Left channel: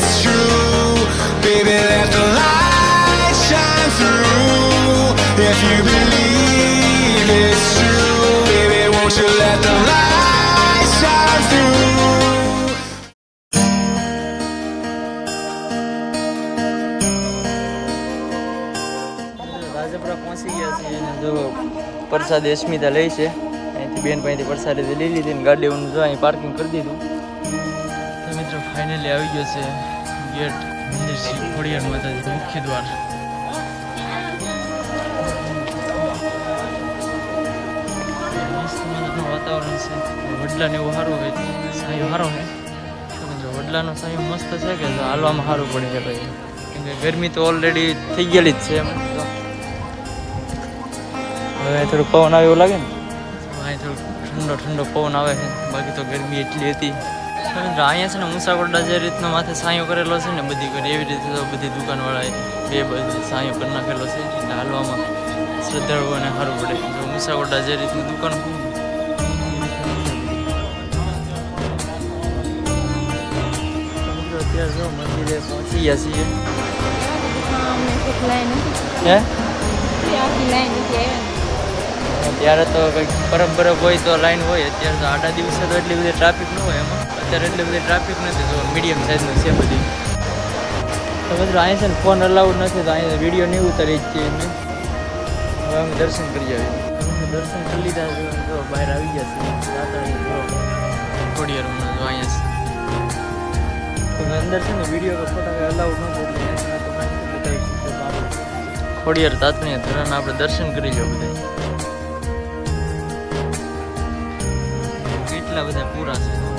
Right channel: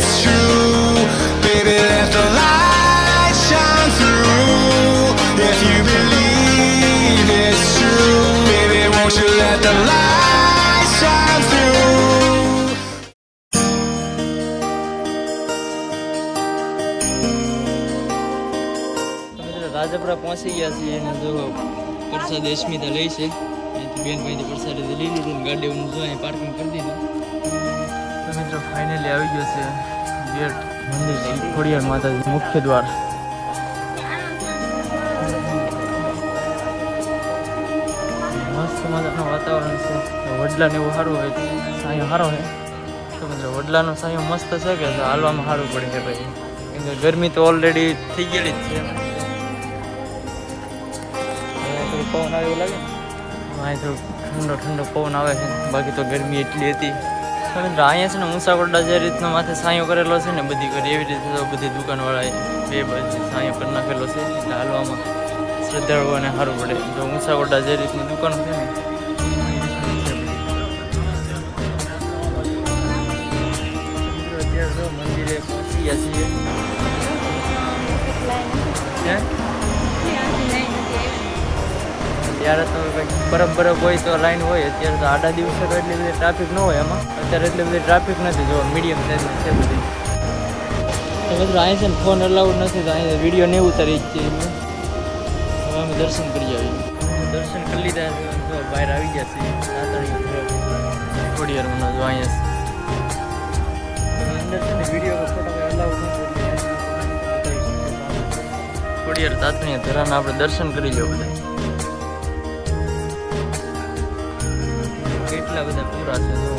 it's true. Baby, let the light shine through. If you believe it's true, baby, won't you let the light shine through. Rajpara પહોંચી ગયા છીએ અને જો પ્રસાદ અસ્મિતા લઈ છે અહીંથી બેન પાસેથી પ્રસાદ લઈ લીધી ને ગાડીઓનું જો અહીં પાર્કિંગ કરી દીધું. તો મિત્રો ફાઇનલી આવી ગયો છે ગેટ મંદિર શ્રી ખોડિયાર માતાજી મુખ્ય દ્વાર. મસ્ત મજાનું વાતાવરણ છે. વડલાને એવું સારું હોય, સાયો સારો હોય. તો મિત્રો વડલાનો સાયો મસ્ત છે કે હાલવામાં સારું પડે છે ભાઈ, કેમ કે ગરમી તો ઓલરેડી થઈ ગયેલી જ છે. થોડું પવન આવે એવું લાગે ને, અહીં થોડું ઠંડો ઠંડો પવન આવે છે, બાકી તો ગરમી એટલી હતી. મિત્રો અહીંયા છે ને ઊંસાકોટડા જે રીતના માથે સાયો કરેલો છે ને બધી કરી એવી રીતે તો બધી દુકાનવાળાએ બે બાજુ સાયો કરી નાખેલો છે એટલે હાલવામાં શ્રદ્ધાળુઓને સારું પડે. જો ઊંસાકોટડા જે રીતની દુકાન છે ને મિત્રો અત્યારે જો મંદિરે પહોંચી ગયા છીએ. હે ત્યારે તો કંઈક બરફ હોય તો લાઈન હોય. અત્યારે તો આડા દિવસે તો એટલી બધી ટ્રાફિક ન હોય એમાં. અત્યારે એટલી બધી ટ્રાફિક નથી, જો મીડિયમ સાઇઝનું છે બધી. તો મિત્રો અહીં છે ને ફોન અલાઉડ નથી, તો અહીં વિડીયો નહીં ઉતારી જ છીએ એમને. હવે અમે દર્શન કરી આવીએ. દર્શન કરી લીધા જો બહાર આવી ગયા છીએ. ખોડિયારમાં જો અહીંયા અંદર છે ને વિડીયો ફોટા કંઈ અલાઉડ નથી એટલે બતાવી શકીએ. ખોડિયાર તાતણીયા ધરાના આપણે દર્શન કરી લો બધા. કેટલા બધા પૂરા છે જો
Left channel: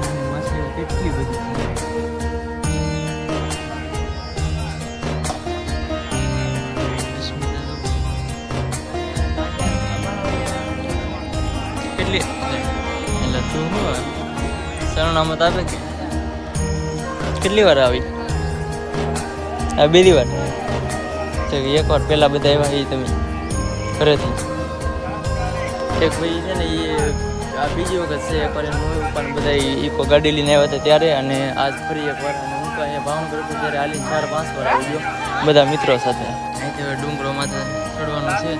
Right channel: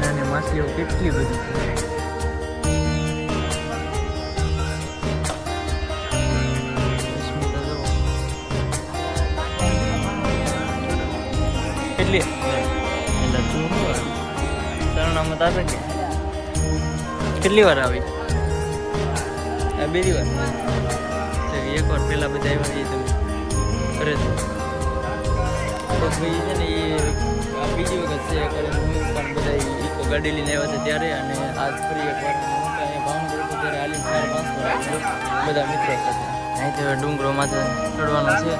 નાની માછલીઓ કેટલી બધી છે. કેટલી એટલે તું શું સરનામત આપે કે કેટલી વાર આવી? બીજી વાર એકવાર પહેલાં બધા આવ્યા એ તમે ઘરેથી એક ભાઈ છે ને એ આ બીજી વખત છે. એકવાર પણ બધા ઇકો ગાડી લઈને આવ્યા હતા ત્યારે, અને આજ ફરી એકવાર હું તો અહીંયા ભાવનગર હતો ત્યારે હાલીને 4-5 વાર આવી ગયો બધા મિત્રો સાથે. અહીંથી હવે ડુંગરો માથે ચડવાનો છે.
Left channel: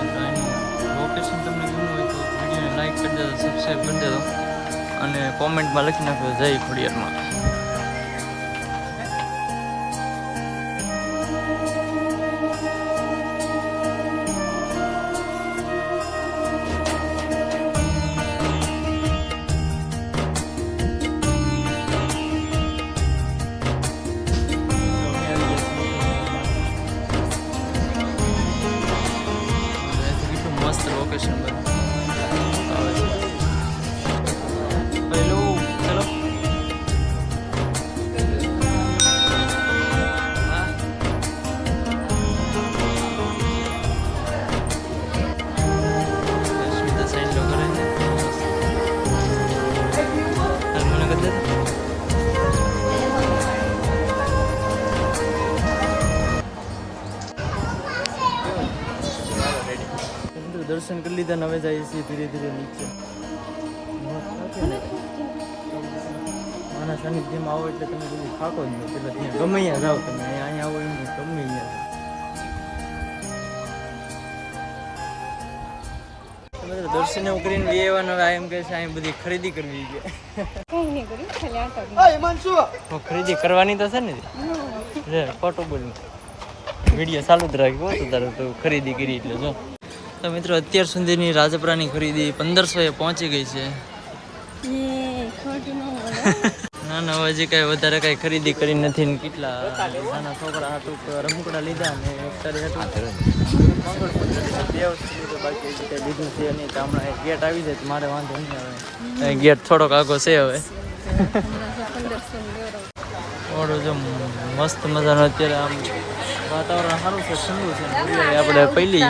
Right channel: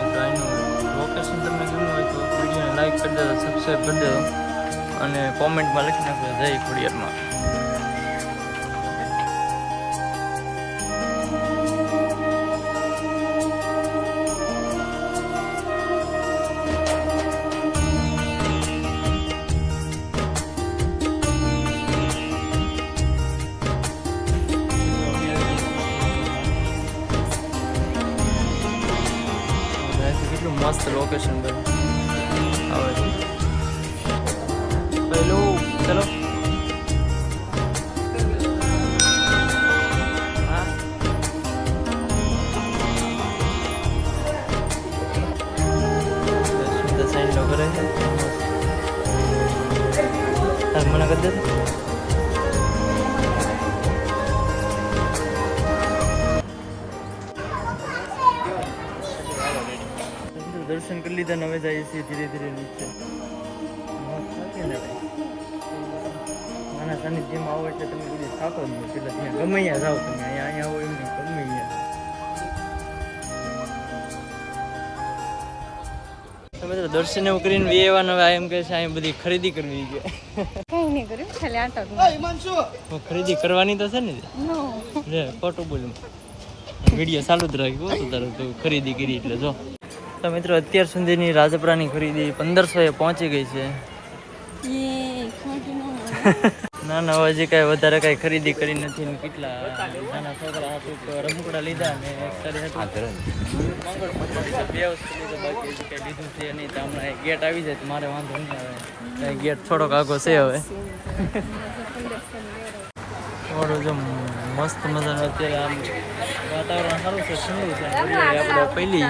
મિત્રો અહીંનું લોકેશન તમને ગમ્યું હોય તો વિડીયોને લાઈક કરી દેજો, સબસ્ક્રાઈબ કરી દેજો અને કોમેન્ટમાં લખી નાખજો જય ખોડિયારમાં. મસ્ત લોકેશન પર આવે છે. પહેલું ચલો હા સ્મિતા સાઈન લો કરે છે. મને કરી દે દર્શન કરી લીધા ને હવે જઈએ છીએ ધીરે ધીરે નીચે. થાકે ને ભાઈ, માના સાનિધ્યમાં આવો એટલે તમે બધી થાકો જ નહીં. પેલા ત્યાં ગમે ત્યાં જાઓ તમે, અહીંયા આવો એમ નહીં, ગમે ત્યાં મિત્રો દર્શન એવું કરીને વ્યવહાર હવે એમ કહે છે અહીં બધી ખરીદી કરવી છે. ખરીદી કરવાની તો છે ને ખોટું બોલું, વિડીયો ચાલુ જ રાખ્યો તો તારે તો ખરીદી કરી એટલે જો. તો મિત્રો અત્યાર સુધીની રાજપરાની ખરીદી 1500 પહોંચી ગઈ છે. ના ના હજી કાંઈ વધારે કાંઈ ખરીદી કરી નથી ને કેટલા નાના છોકરા હતું રમકડા લીધા ને એક તારી હતું મંગળસૂત્ર લીધું, 2 વસ્તુ લીધું, બાકી હજી કાંઈ લીધું છે નહીં. તો હમણાં ગેટ આવી જાય તો મારે વાંધો નહીં આવે, ગેટ થોડોક આગો છે હવે. થોડું જો મસ્ત મજાનું અત્યારે આમ વાતાવરણ સારું છે, ઠંડુ છે. વરિયાળી આપણે પહેલી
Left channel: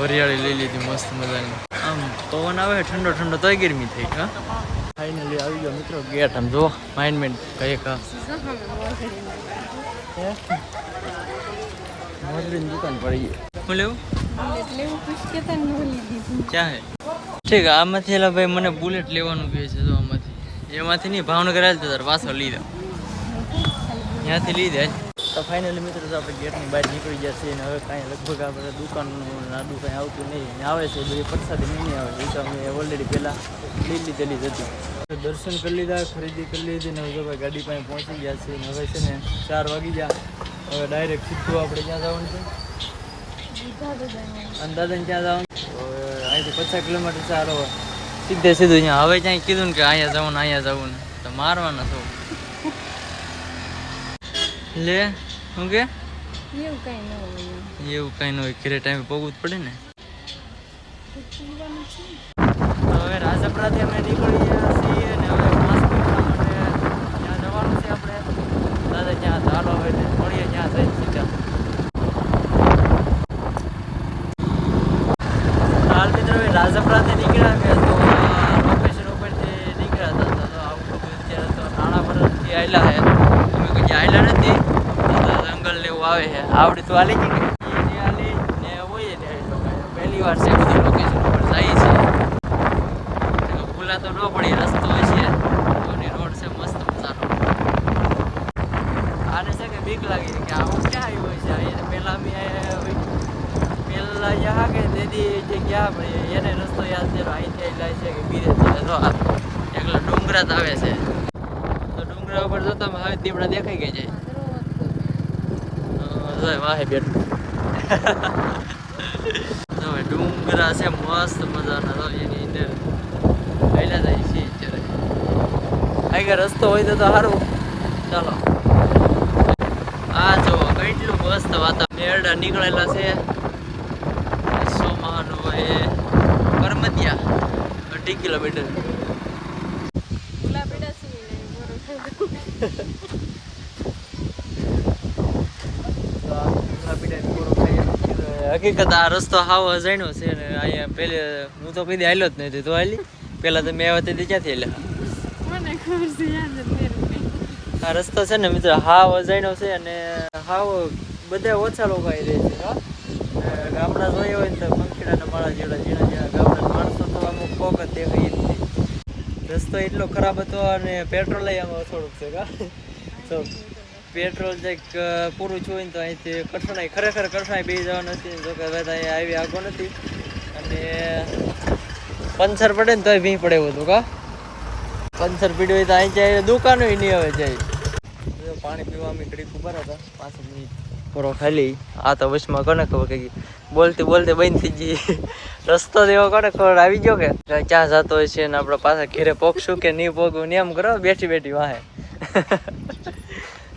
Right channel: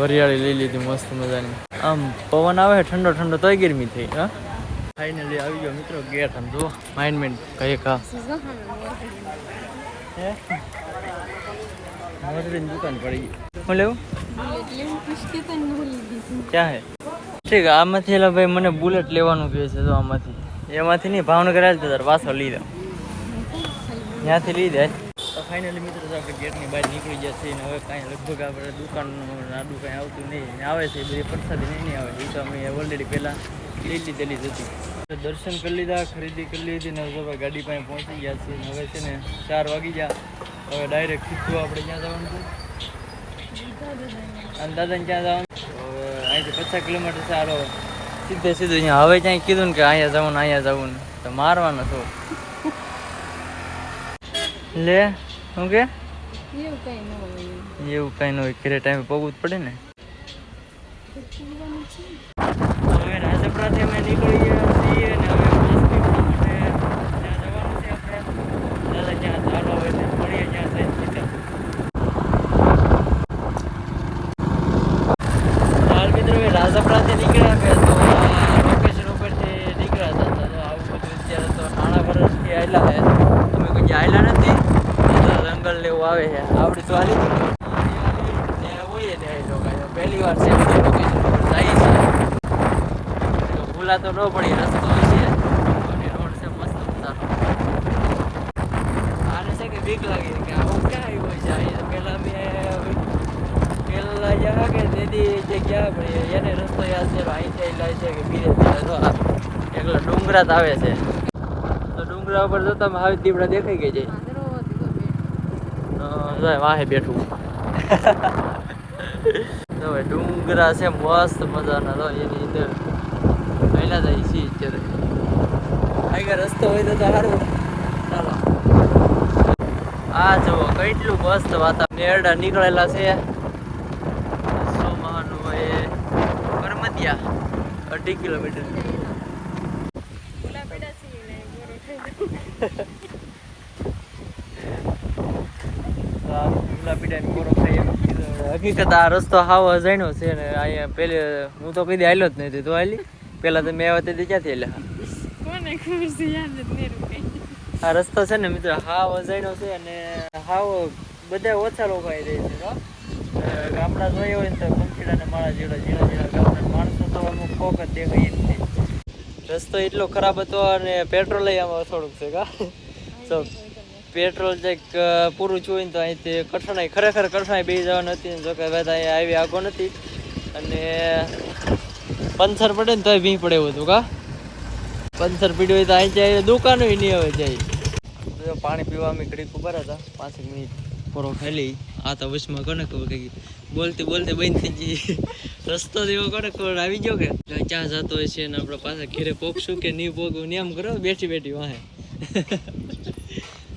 વરિયાળી લઈ લીધી મસ્ત મજાની. આમ પવન આવે ઠંડો ઠંડો તોય ગરમી થઈ. હા ફાઇનલી આવી ગયો મિત્રો ગેટ. આમ જો માઇન્ડમેન્ટ કઈ કા મોરડીની દુકાન પડી ગઈ. હું લેવું બુલેટ લેવું પૂછકે તને નો લીધી ક્યાં હે ઠીક આમાંથી એલા ભાઈ મને બુલેટ લેવાનું કહે છે તો આમાંથી એમાંથી નહીં ભાવનગર આવ્યો તો તાર પાછો લઈ લો ત્યાંથી લઈ દે તો ફાઇનલી મિત્રો તો આપણે ગેટની બહાર નીકળી ગયા છીએ અને હવે કાંઈ લગભગ આપણે દુકાનનું નાડું કાંઈ આવતું નહીં ને આવે છે એ બધી પ્રસાદી નહીં આવે એ તો અમે ઓલરેડી પહેલાં લઈ લીધેલી જ હતી તો દર્શન કરી લીધા ખરીદી કરી લીધી ને હવે ભાઈ ગાડી પાસે પહોંચી ગયા છીએ ને હવે છે ને 4 વાગી ગયા હવે ડાયરેક્ટ સીધું આપણે ક્યાં જવાનું છે અંદાજન ક્યાં જવાનું તો હવે અહીંથી 50 કિલોમીટર સારો સીધે સીધું અહીંયા હવે ક્યાંય કીધું ને કે અહીંયા જવું ને તો મારવાનો છો લે શું કે એવું કઈ ન હોય એવું કઈ ન હોય ઘરે ટાઈમે પગવું જ પડે ને હવે રાજપરાથી અમે નીકળી ગયા છીએ ને હવે ત્યાં જવાનું છે આપણે દાદા ક્યાં ધાનો હોય ને મળીએ ક્યાં જઈ સીધા હાલ મિત્રો રાજપરાથી નીકળ્યા કે લોકેશન ઉપરથી નીકળ્યા હતા તો આવું બધું અત્યારે તો નાણા પરથી આવેલા છે અમે કોઈ આવેલા નથી જંગલ લેવું આવે છે આવડી તો હાલી ગઈ પહેલી વાર છે કે લોકેશન ઉપર જાય છે તો ખુલ્લા તો ન પડી રસ્તો હોય છે રોડ છે મસ્ત મજાનો આને છે કે બીક લાગે કે આવું ક્યાં આવ્યું હોય છે અહીંયા પહેલાં પહેલાં જ્યાં કે દીદી જગ્યા પડી એને રસ્તો યાદ છે અહીં જાય છે કે બીજે એકલો ડુંગરાત આવે છે તો ડુંગરા ઉપર જતા હવે દીપડા દેખાઈ ગઈ જાય વાહે બેઠું તો ડુંગરા છે મસ્ત મજાના તો એની અંદર પહેલા જાય છે અત્યારે આગળ રસ્તો હોય તો સારું ચાલો આ જો કેટલું મસ્ત વાતાવરણ એરડા નીકળેલા છે સોમાનું હોય કરમતિયા 2.5 કિલોમીટર હકીકત આ રસ્તો હાવ અજાણ્યો છે ને અહીંયા પેલે હું તો કદી હાલ્યો જ નથી તો હાલી પેલા તો મેં આવ્યા તે ક્યાંથી હાલ્યા આ રસ્તો છે ને મિત્ર હાવ અજાણ્યો છે અને હાવ બધા ઓછા લોકો આવી રહે છે ગામડા જોયા હોય ને તો પંખીડાના માળા જેવડા ઝીણા ગામડા માણસો તો અમુક કોક જ દેખાય જ નહીં રસ્તો એટલો ખરાબ હતો અને પેટ્રોલ આમાં થોડુંક છે કા તો પેટ્રોલ જે પૂરું જોઈને તો અહીંથી કઠણાઈ ખરેખર કઠણાઈ બે જવાનું હતી જોકે બધા અહીંયા આવી આગો નથી અને પંચર પડે ને તોય ભી પડે એવું હતું કા પંચર પીડ્યું હોય તો અહીં જાય દુકાનો નહીં હવે જાય પાણી પીવા અમે ઘડીક ઉભા હતા 5 મિનિટ પૂરો ખાલી આ તો વચમાં કોને ખબર કે બોલતી બંધ થઈ ગઈ રસ્તો એવો કોને ખબર આવી ગયો કે ક્યાં જતો હોય છે ને આપણે પાછા ઘેરે પોગશું કે નહીં પોગવું ને એમ કરો બેઠી વાહે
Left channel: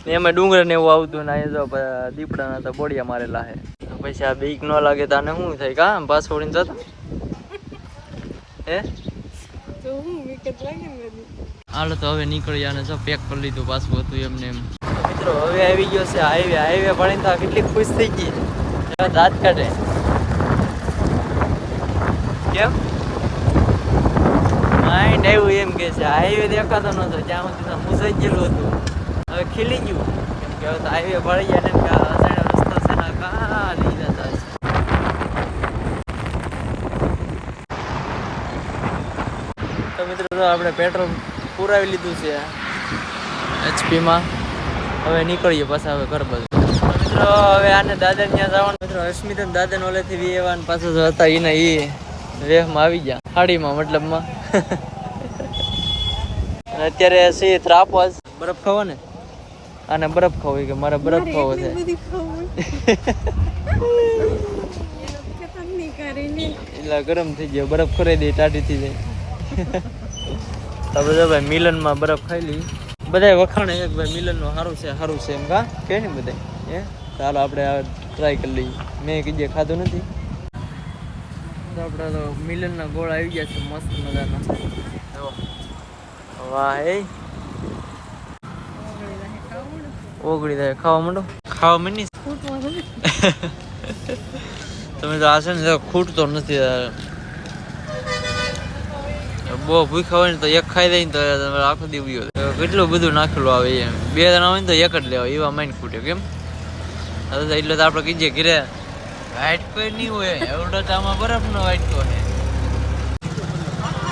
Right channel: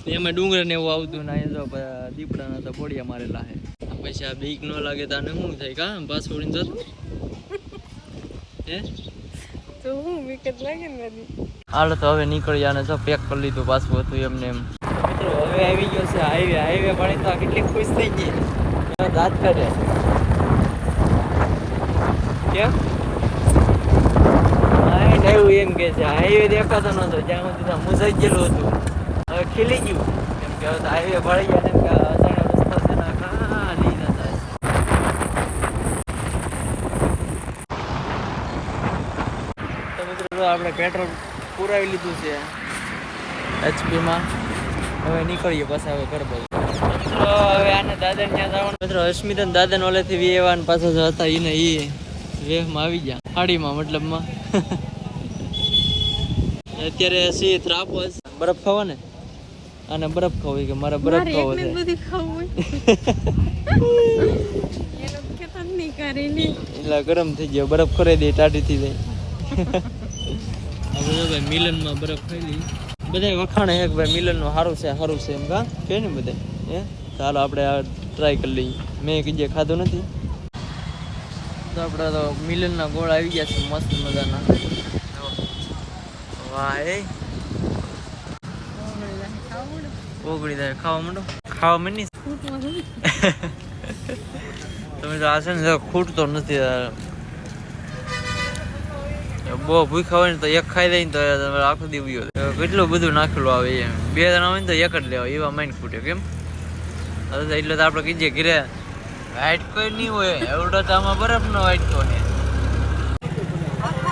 ને એમાં ડુંગર ને એવું આવતું ને અહીંયા જો દીપડાના તો બોડિયા મારેલા છે તો પછી આ બીક ન લાગે તો આને શું થાય કા પાસ છોડીને જતો હે હાલો તો હવે નીકળી ને જો પેક કરી લીધું પાછું હતું એમને એમ મિત્રો હવે આવી ગયો છે હાઈવે ભણીને તો કેટલી ખુશ થઈ ગઈ દાંત કાઢે કેમ આઈ નવું એમ કે છે હાઈવે દેખાતો નતો ત્યાં સુધી મુસાઈ ગયેલું હતું હવે ખીલી ગયું કે હવે તો હાઈવે ભળી ગયા ને રસ્તો છે ના કાં લઈ જતા તો મિત્રો આપણે પેટ્રોલ પુરાવી લીધું છે એચપીમાં હવે નીકળીએ પાછા હવે ઘર બાજુ મિત્રો હવે આને દાદાને ત્યાં જવાનું મિત્રો અસ્મિતા દાદાને ઓલેથી વેવાન પાછા જો હતા એને એ વેહમાં આવી ગયા હાડીમાં મતલબમાં અત્યારે સી ત્રાપો બરફ ખાવો ને આને બરફ ખાવો કે મારે બરફ ખાવો છે એટલે ગરમ થઈ ગયો બરફ ખોરાઈ દે ટાઢી થઈ જાય આપણે જો ભાઈ મિલનમાં બરફ ખાઈ લઈ બધા વખાણે એક ભાઈ મિલનનું સારું છે એમ કા કે ને બધા હે ચાલો આપણે આ ટ્રાય કરી લઈએ મેં કીધે ખાધું નથી તો આપણે તો મિલનના ગોળ આવી ગયા છે મસ્ત મજાના વાહ એ ઓગળી જાય ખાવા માંડો ખાવા માંડી તમે તો આ છે ને ખૂટતો નથી બહુ ભૂખા હોય ને તો એક ખાઈ દઈ ને તો આખો દીવ્યો કેટલું બધું નાખેલું આવે એમ 2 જણા હોય ને તો એક જ લેવા એવા માઇન્ડ ખૂટે કેમ એટલે તો આપણે કીધે ઘરે વાટકો નહીં હોય એવડો તો આમાં બરફનો વાટકો છે.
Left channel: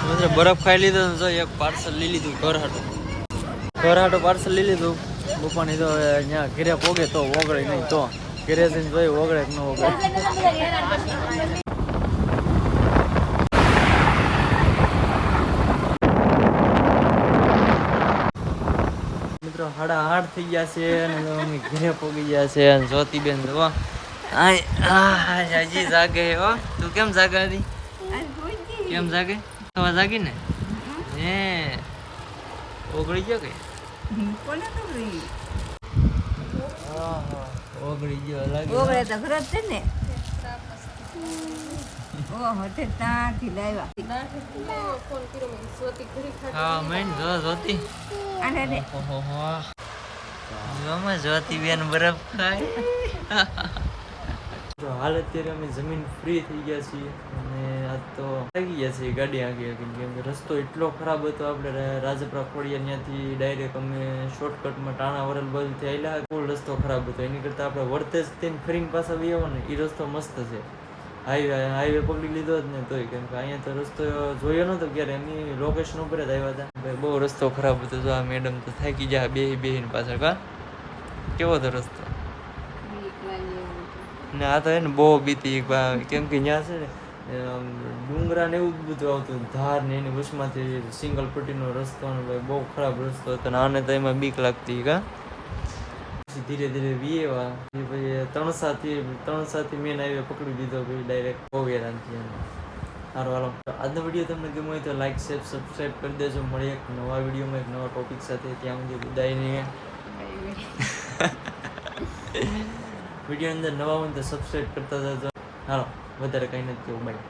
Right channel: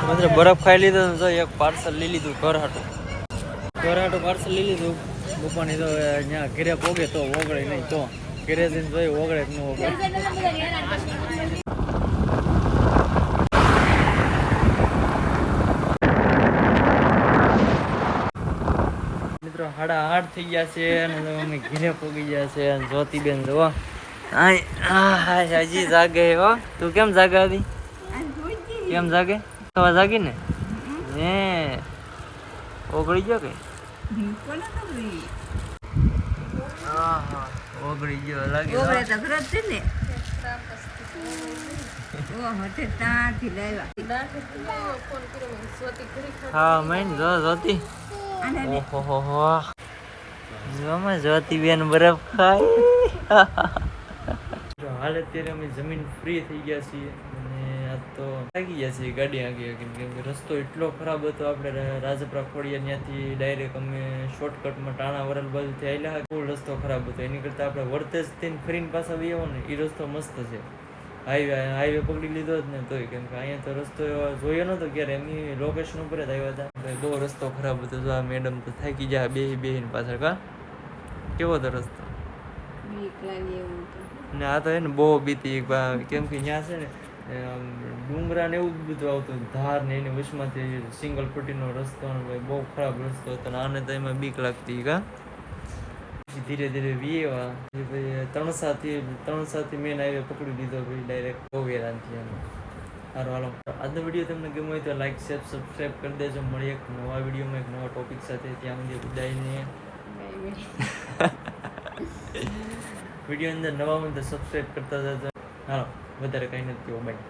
મિત્રો બરફ ખાઈ લીધો ને તો એક પાર્સલ લઈ લીધું ઘર હાટું પાર્સલ લઈ લીધું. બપાની તો અહીંયા ઘરે પોગે તો ઓગળે નહીં, તો ઘરે જઈને જોઈ ઓગળે કે ન ઓગળે. મિત્રો 8:30 થઈ ગયા છે અને અમે ઘરે પોગી ગયા છે. જ્યોતિબેન જો હજી જાગે હો. તું કેમ જાગે હતી? કેમ જાગે? થવા જાગી ને હે ઓગળી ગયો કે ઓગળી ગયો લાગે. હા મેન જો જોતી જોતી બેન બરફ ખાય. હાલ અત્યારે અમે જમીન ફ્રી થઈ ગયા છીએ અને આજ તો થાકી ગયા છીએ ગાડી આગી કેમ કે રસ્તો એટલો ખરાબ હતો. આપણે રાજપરા ખોડિયા ત્યાંથી ડાયરેક્ટ અમે શોર્ટકટમાં ટાણા વરલ બાજુથી આવેલા. ફૂલ રસ્તો ખરાબ હતો. એની કરતાં આપણે વર્તેજ થઈને ફરીને પાછા આવી આવો ને એ રસ્તો મસ્ત છે. હાઈવે પકડી લીધો જ ને તોય કેમ કે અહીંયા તો રસ્તો જોયો નહોતો ક્યારે. એમની લોકેશન ઉપર જ આવ્યા હતા. ભાઈ બહુ રસ્તો ખરાબ હતો. તો આ મેડમ તો થાકી ગયા બેહીને પાછળ. કા કેવો હતો રસ્તો? ને આ તો એને બહુ બીતી કેમ કે ત્યાં છે ને ડુંગરા ને એવું બધું આવતું ધાર ને એની વચમાંથી સિંગલ પટ્ટીનો રસ્તો ને ભાઈ બહુ ખરાબ રસ્તો હતો ને આને તો એમાં બીક લાગતી. કા પછી ધીરે ધીરે વીએવા પછી ત્રણસાથી મેન હાઈવે પકડી લીધો ભાઈ ડાયરેક્ટ કોવેરાથી. સારું હાલો આજનો વિડીયો તમને ગમ્યો હોય તો લાઈક શેર સબસ્ક્રાઈબ કરી દેજો. મળીએ એક નવા વિડીયોમાં એક નવા ટોપિક સાથે. ત્યાં સુધી બધાને વિડીયો અંદર નવા હોય તો સબસ્ક્રાઈબ કરતા જજો. હાલો વધારે કંઈ નથી. બાય.